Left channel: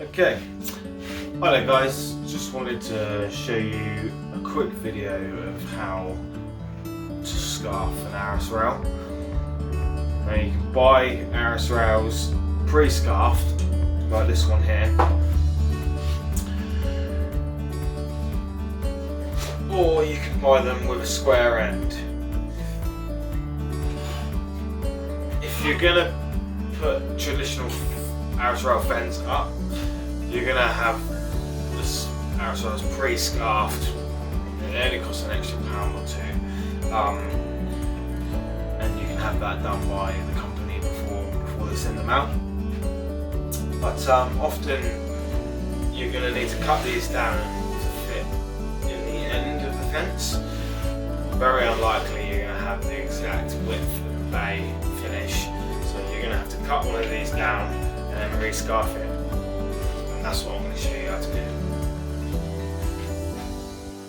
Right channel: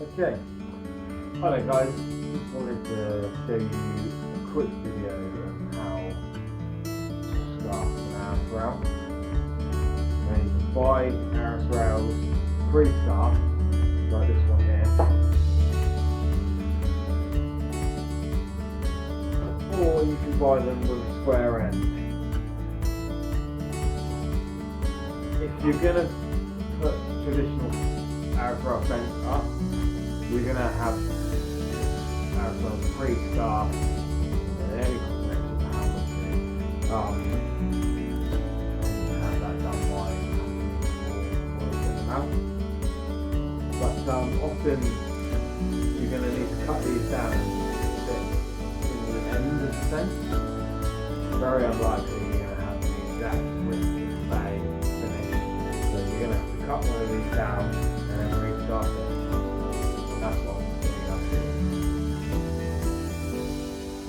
Okay, hi there guys, just wanted to show you a quick video of how to scarf an ARRIS rail. Now you can buy ARRIS rails pre-scarfed, like this one here, or you can buy them with a square end. If you're going to put traditional ARRIS rail fence up, you're going to have this ARRIS rails pre-scarfed. It only costs an extra £1 or £2, and you can have that done by the company before they send them out. But often you're going to need to cut these down to fit in the end of the fence. Very unlikely you're going to have the exact width of the bay finish, so you're going to have to cut one of these down and then re-scarf it. And that's what I'm going to show you how to do.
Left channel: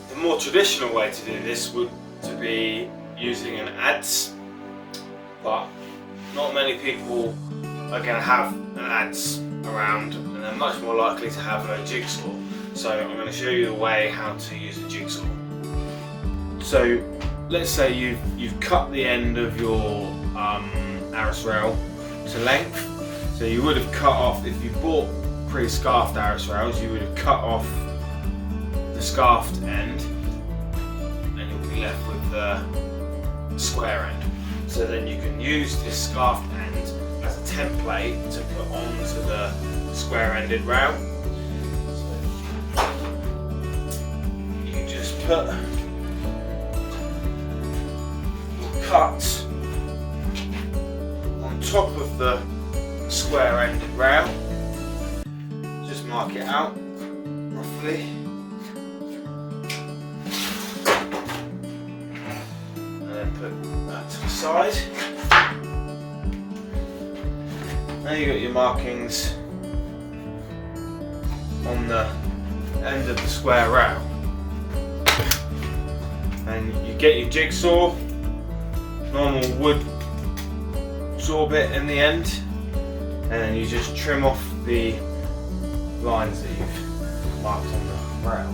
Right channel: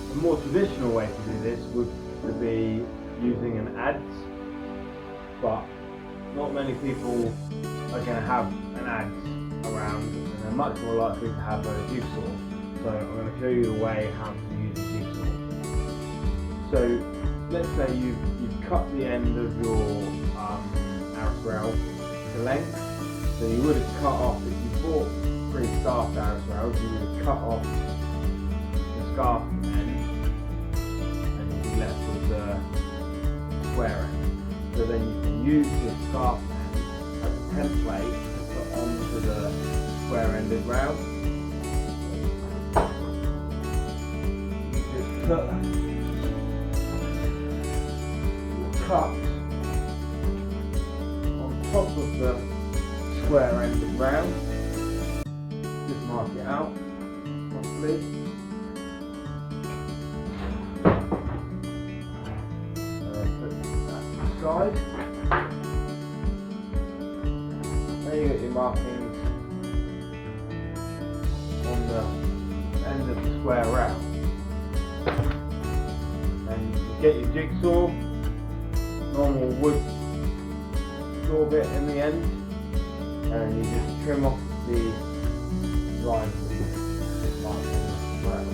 The more traditional way to do this would to be using an Adze, but not many people are going to have an Adze around, and they're much more likely to have a Jigsaw. So I'm going to show you the way how to use a Jigsaw. So let's say you've cut the end of your ARRIS rail to length. So you would have cut off, if you bought pre-scarfed ARRIS rails, you would have cut off the scarfed end and you'll be left with the square end. So then you can use this scarfed end as a template to put onto the square-ended rail. So you just put your cut on top of the square-ended rail. Just mark it out roughly, and then put that to the side. Now you've got your markings on the end of the square rail, and you get your jigsaw, normal wood saw bit in the end, and then you just trim off the lines that you've marked on the rail.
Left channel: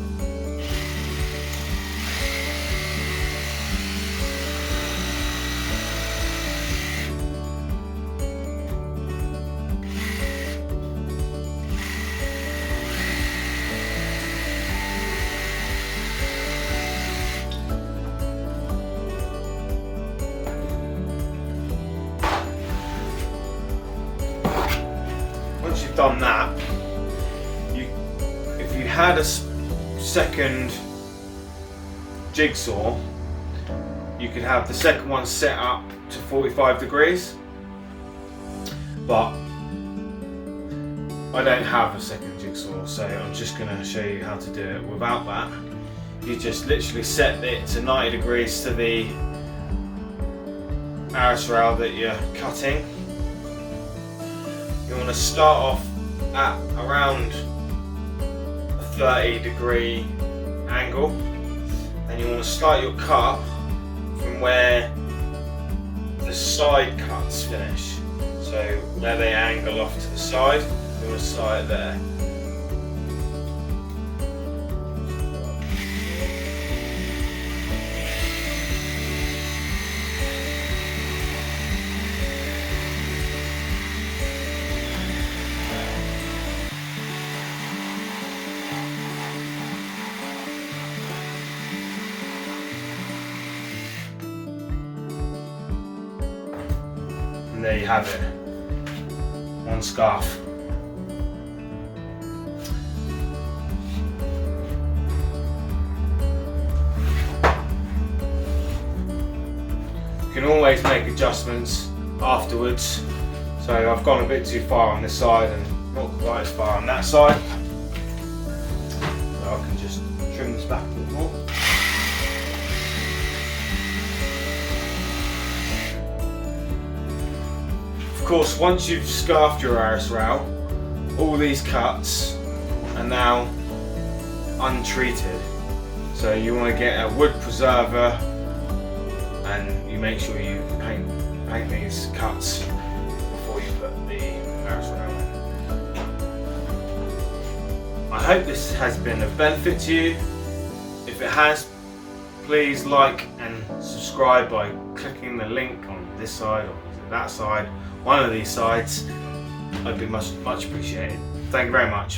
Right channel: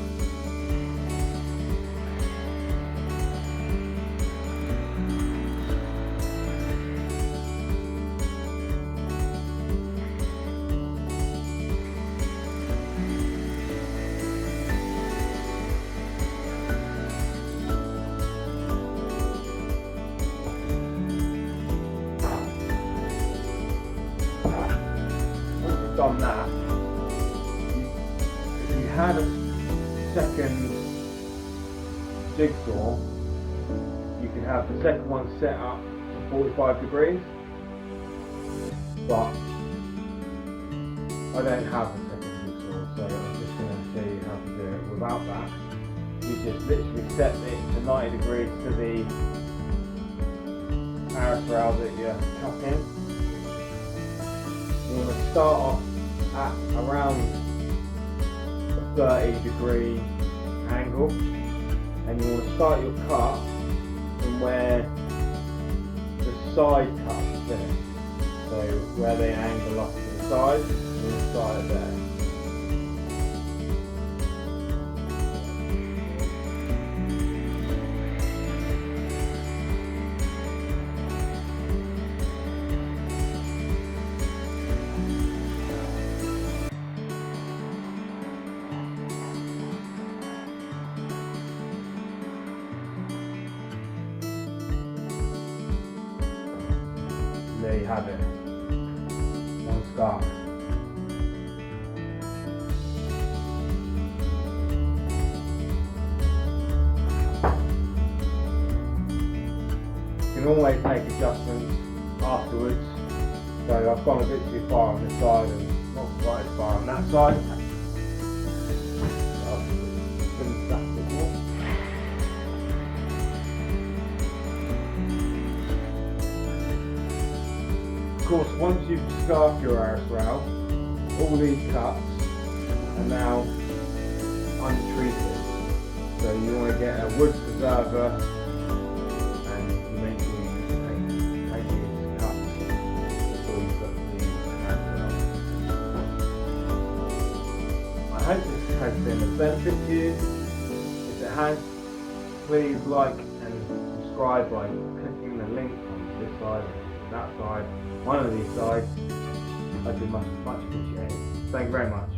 Once you've done that, if you had a second jigsaw, you could have the second one set up to 45 degrees, but I don't have a second jigsaw, so I'm just going to show you how to do it without that. You just literally set it to 90 degrees to the ARRIS rail that you're cutting. You want to start off at around a 30-degree angle, and you want to start your cut from where the side cuts finish. So where they angle off to the side, you want to start it there. And there you have it, one scarf. You can always make adjustments afterwards. So I've gone a bit too far on this side and not quite as far on that side. So I can just trim this back a bit more. Of course, once you've scarfed your ARRIS rail, all these cuts are now untreated. So you want to get a wood preserver, and you make sure you paint these cuts before you put the ARRIS rail. hope this has been of benefit to you. If it has, please like and subscribe by clicking the link on this side or that side, one of these sides. I'd be much appreciated. Thank you very much.